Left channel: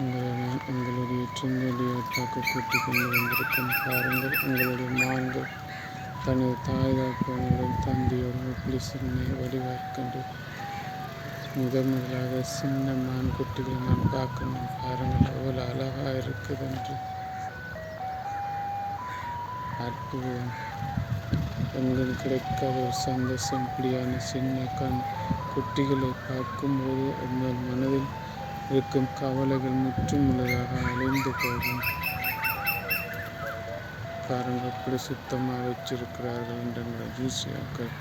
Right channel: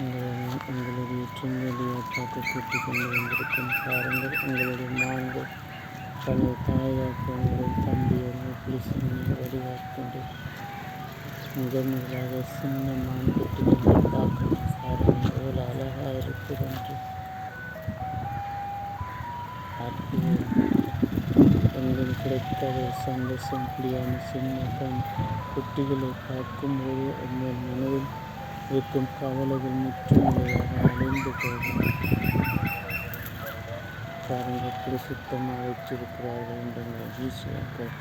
உங்களுடைய ட்ரிங்கலியை பார்க்க கூட்டிக் கொண்டு வந்திருக்கும் பாருங்கள். உங்களுடைய மான்கள் தனது தாய் தகப்பனுடன் தம்பியோடு எப்படி சின்ன வடிவாக்கின்ற முதலாக சின்ன மான் குட்டிகளை பார்க்கணும். பாருங்கள் எவ்வளோ அழகாக இருக்குது என்று. எங்களுக்கு கிடைக்காத ஒரு சந்தோஷம். இப்படியான சின்ன குட்டிகளை பார்க்கும்போது உங்கள் மனதில் இருக்கும் கவலைகள் முற்றுமுழுதாக அழிந்து போகும். பாருங்கள் எப்படி சுத்தமாக வச்சிருக்கிறார்கள் என்ற ஜூசியாக்கள்.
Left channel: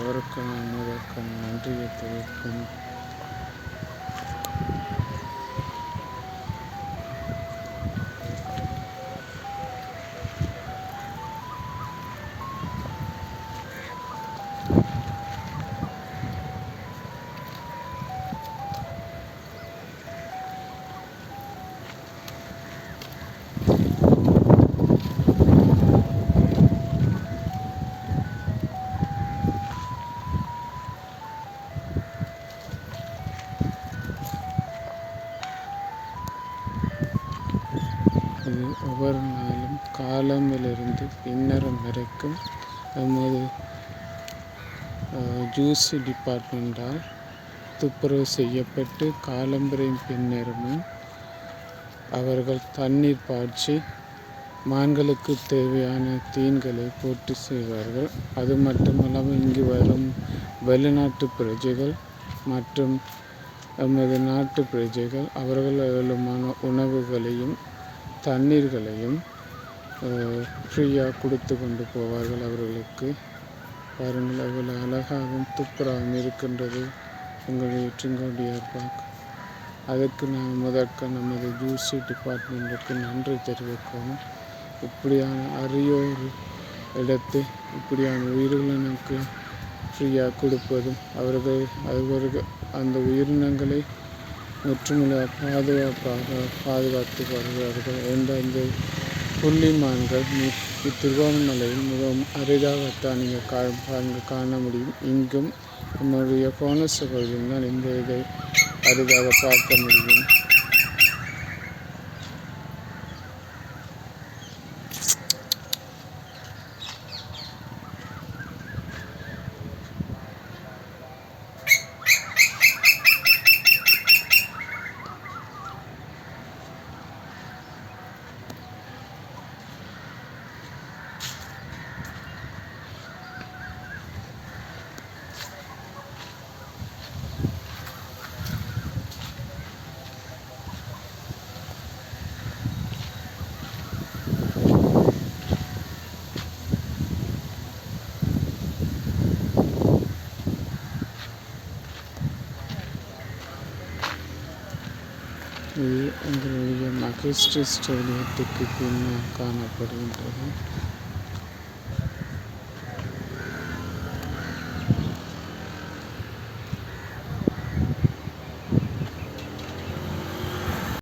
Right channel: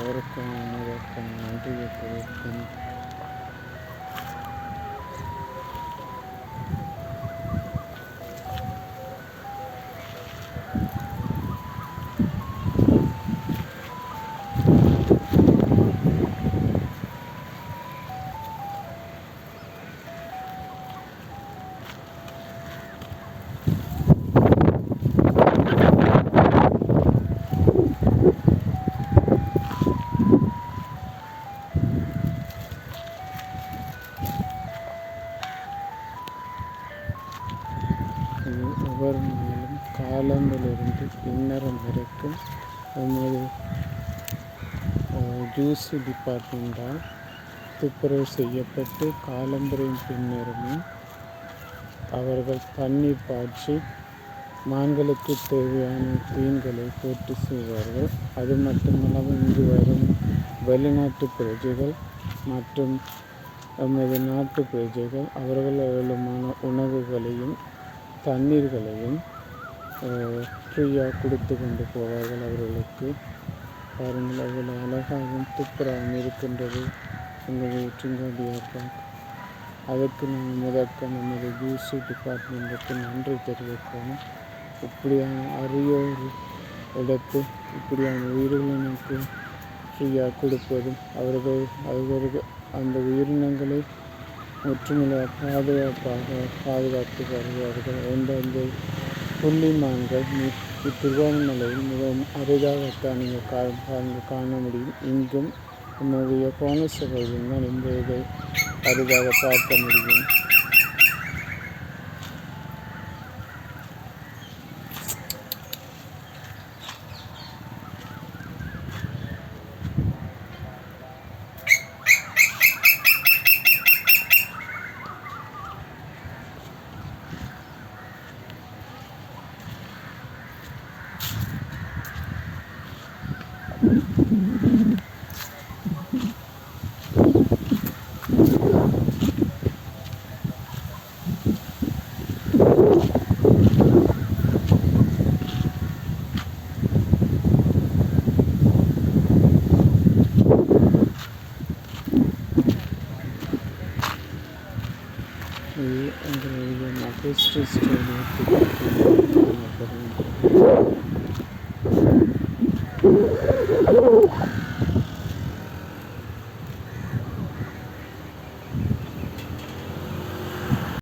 அவருக்கான முதற்கான நன்றியை தெரிவிக்கும். ஒவ்வொரு நாளும் காலமிலிருந்து பின்னரம் வரைக்கும் நமது ஜூஸ் டிபார்ட்மெண்டால் துப்புரவு செய்யப்பட்டு காலம்பரையும் பின்னரமும் அவர்கள் தண்ணீர் பாய்ச்சி மான்களுக்கு தேவையான தீன்களை போட்டு செய்வார்கள். அது மட்டுமல்லாமல் இங்கு வரும் வெளிநாட்டு பிரஜைகள் மற்றும் நமது நாட்டு பிரஜைகள் அவர்கள் அவர்களுமான உணவுகளையும் தண்ணீர்களையும் ஃப்ரீயாக கொடுத்து கொண்டு போவார்கள் அவர்களுக்கு. பாருங்கள் அவ்வளோ அழகாகவும் துப்புராகவும் இருக்கின்றது உங்களுடைய ட்ரிங்கோடியார் பார்க். அதற்கு நான் முதற்க நமது ஜூசி டிபார்ட்மெண்ட்டுக்கு நன்றி தெரிவிக்கணும். இப்படியான அரிய ஒரு இடத்து இப்படியான உயிரினங்களுக்கு ஃப்ரீயாக கொடுப்பதும் அவர்கள் அந்த உயிரினங்களை முற்றுமுழுதாக பாதுகாத்து வருவார்கள் என்ற அந்த புள்ளிமான்கள் திருவண்ணாமலையில் மிகவும் அரிதாகத்தான் நீங்கள் காண முடியும். இங்கும் நம்முடைய போனஸ் பகுதியில் தான் இந்த இதை அரிதாக பார்க்க முடியும். இது எங்களுடைய மகேஸ்ட்ரி ஸ்டேடியத்துக்கு காணப்படுகின்றது.